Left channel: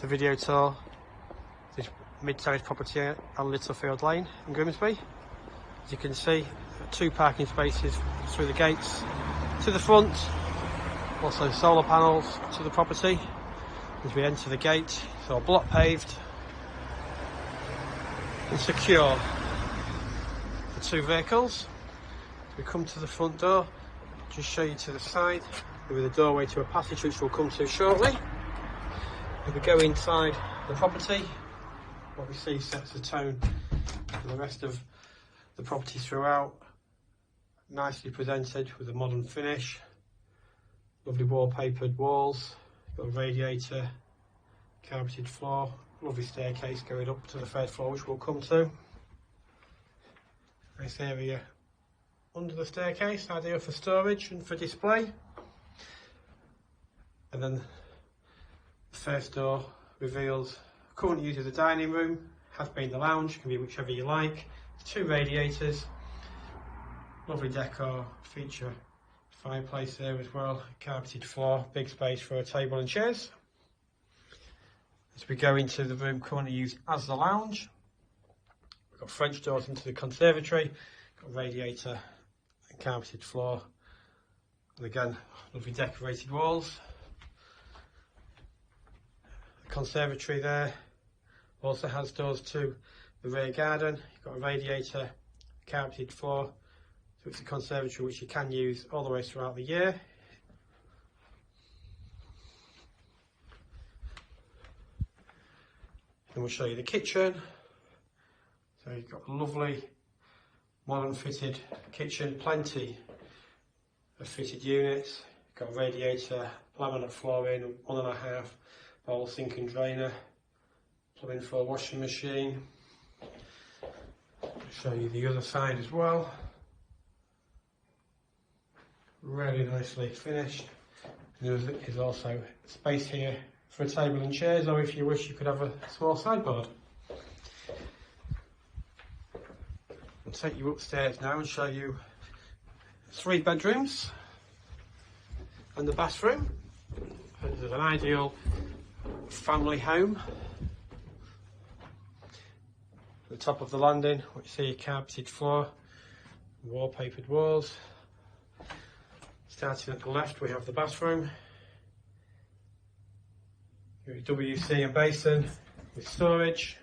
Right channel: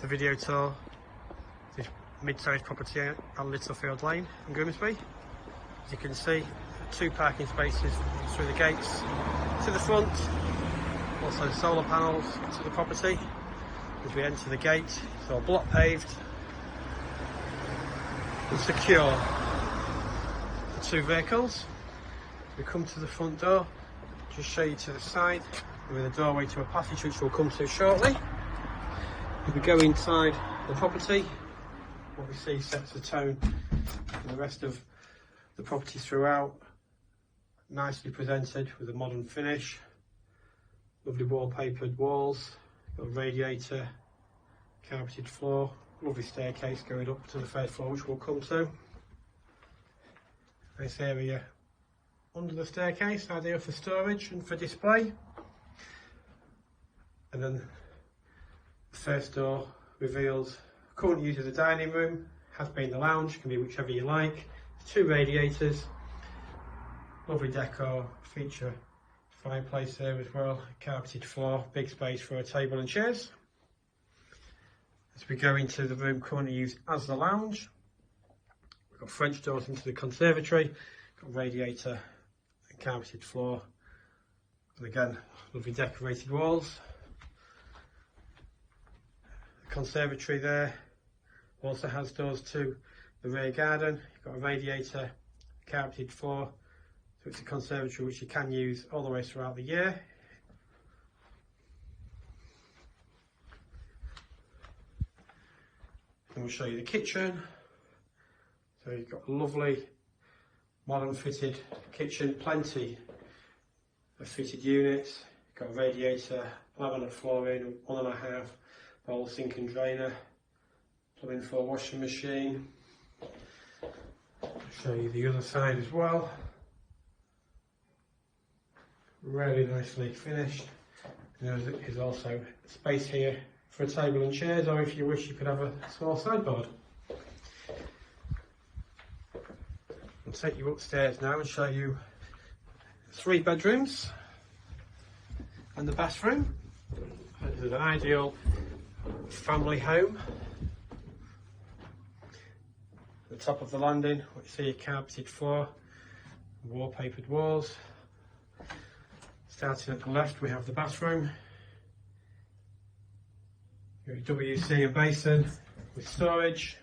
the video tour this mid-sized property on Littlefield Lane in Grimsby. As you can see, 2 parking spaces through the gates to the front, also solar panels to the property. As we enter the gate, it's all block paved and secure for 2 vehicles. We come to the front door, just show you to the side with a doorway to a passage which we'll come to shortly. As we go inside the property, what we see sets the tone for the rest of the property throughout. Nicely presented with a modern finish, lovely wallpapered walls, got a radiator, carpeted floor, lovely staircase going up to the 3rd floor which we'll come to. Nice area under the staircase, ideal for storage and for display. And then the first door reveals current use of the dining room, has been the lounge, can be whichever you like. 2 radiators, lovely decor, feature fireplace there as well, carpeted floor, big space for a table and chairs. As we go into the room currently used as the lounge, we've got French doors into the conservatory, got radiator and carpeted floor, and again lovely decorated walls. The conservatory there also has doors to the rear garden. You've got a radiator, carpeted floor, so it's a conservatory which you can use all the way throughout the year. And we'll show you the kitchen. So you've got a lovely modern fitted kitchen, plenty of fitted units. You've got a radiator, laminate flooring, 1.5 bowl sink and drainer, plumbing for a washing machine. I'll show you the other side as well. Really nicely finished. There is also space here for a table and chairs, or if you wish you could have a small sideboard. I'll take you upstairs now and show you 3 bedrooms and the bathroom. This is an ideal family home. The top of the landing, which you see carpeted floor, wallpapered walls. Starting at the left, we have the bathroom. Your WC and basin with storage.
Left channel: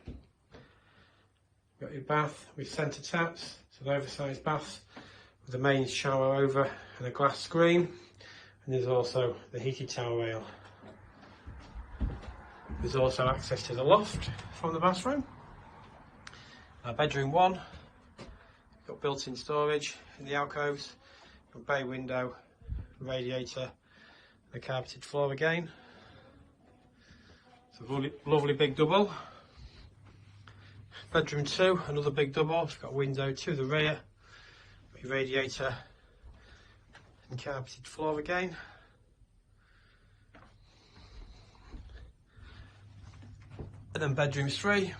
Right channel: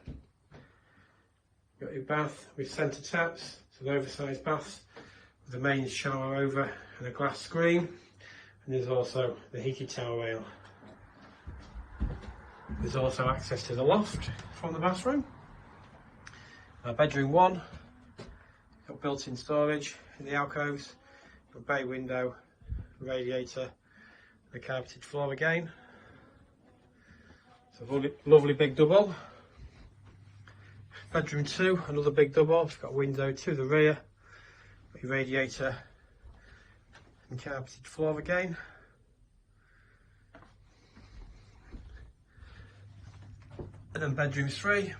You've got your bath with centre taps. It's an oversized bath with a main shower over and a glass screen. And there's also the heated towel rail. There's also access to the loft from the bathroom. Bedroom 1, got built-in storage in the alcoves, got bay window, radiator, and a carpeted floor again. It's a lovely big double. Bedroom 2, another big double, it's got a window to the rear, got your radiator and carpeted floor again. And then bedroom 3.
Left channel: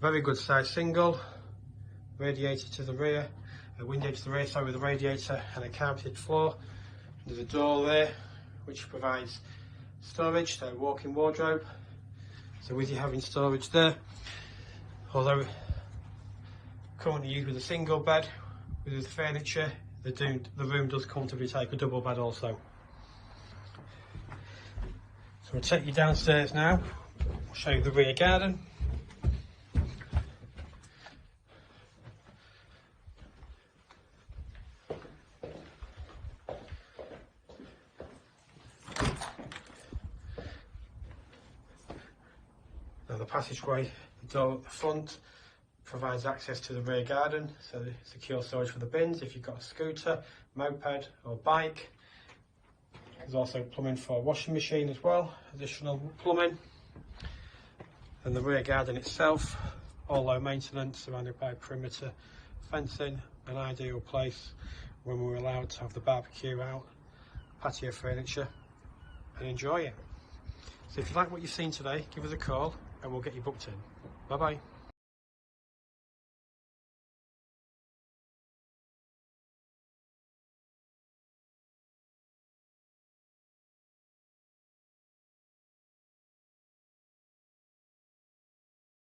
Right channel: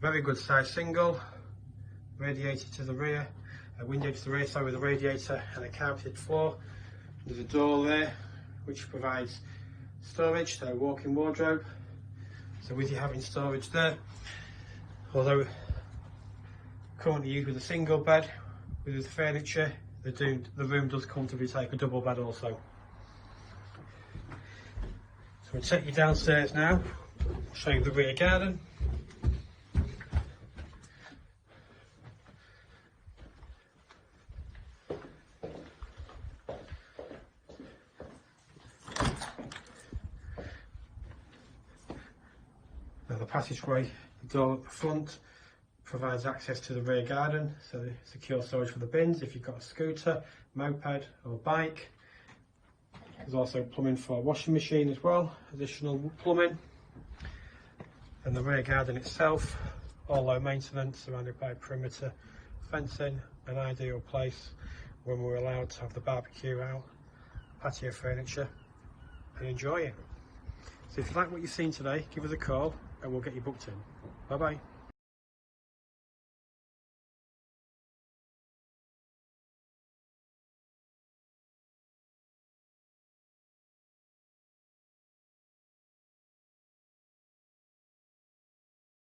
Very good size single, radiator to the rear, a window to the rear side with a radiator and a carpeted floor. There's a door there which provides storage, so a walk-in wardrobe. So with you having storage there, although currently used with a single bed with the furniture, the room does comfortably take a double bed also. So we'll take you downstairs now, I'll show you the rear garden. The passageway, the door at the front provides access to the rear garden, so secure storage for the bins if you've got a scooter, moped or bike. There's also plumbing for a washing machine as well, additional plumbing. And the rear garden itself, all low maintenance, surrounded by perimeter fencing, an ideal place when we're allowed to have the barbecue out, patio furniture and enjoy it. So if you like what you've seen today, give us a call and we'll get you booked in. Bye bye.